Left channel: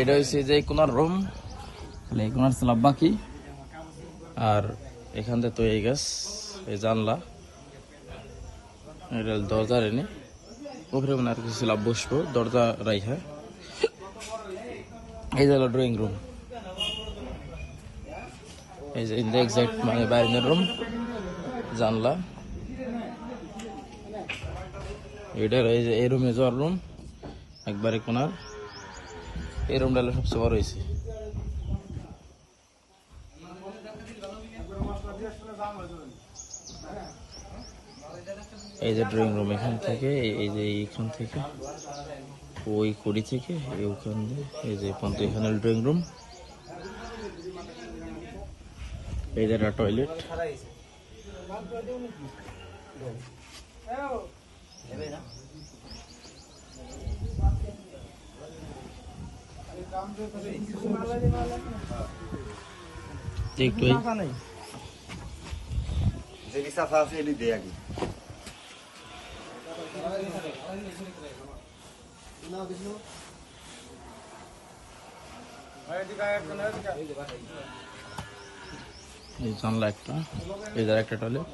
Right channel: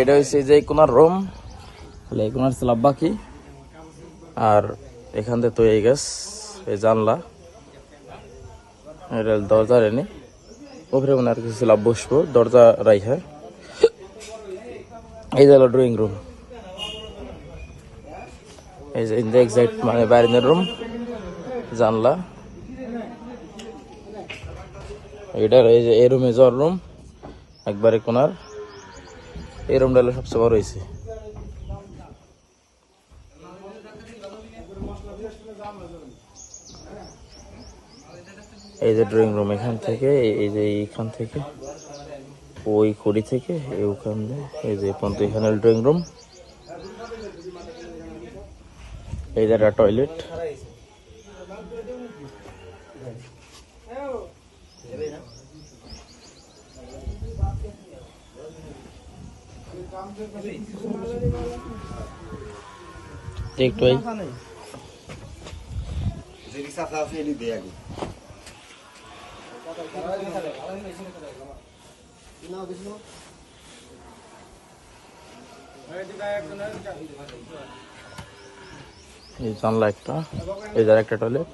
এটা হচ্ছে যে কোনার রুম, এই কোনার স্ল্যাব বাকি। আর এখান থেকে তো এই গাছ, এই জানলা, এটা দরজা এনে ওপরে আর কিছু স্ল্যাব বসবো, দরজা রাইখা। এই যে হলো ড্রয়িং রুম, এই যে এক্সাক্ট মানে বাইরের রুম, জানলা। এটা রয়েছে এই রুমে জ্বর রুম একবারে কোনার। এই রুমটা হলো সবচেয়ে বড় হয়েছে। এই যে ড্রয়িং রুম, এখান থেকে এই যে এইখান থেকে ওই খুঁড়ি থেকে ওইখান দিয়ে এই যে এখানে ড্রয়িং রুম। এই যে একটা টয়লেট। একটু এই জানলা একটা, এই জায়গা একটা টয়লেট।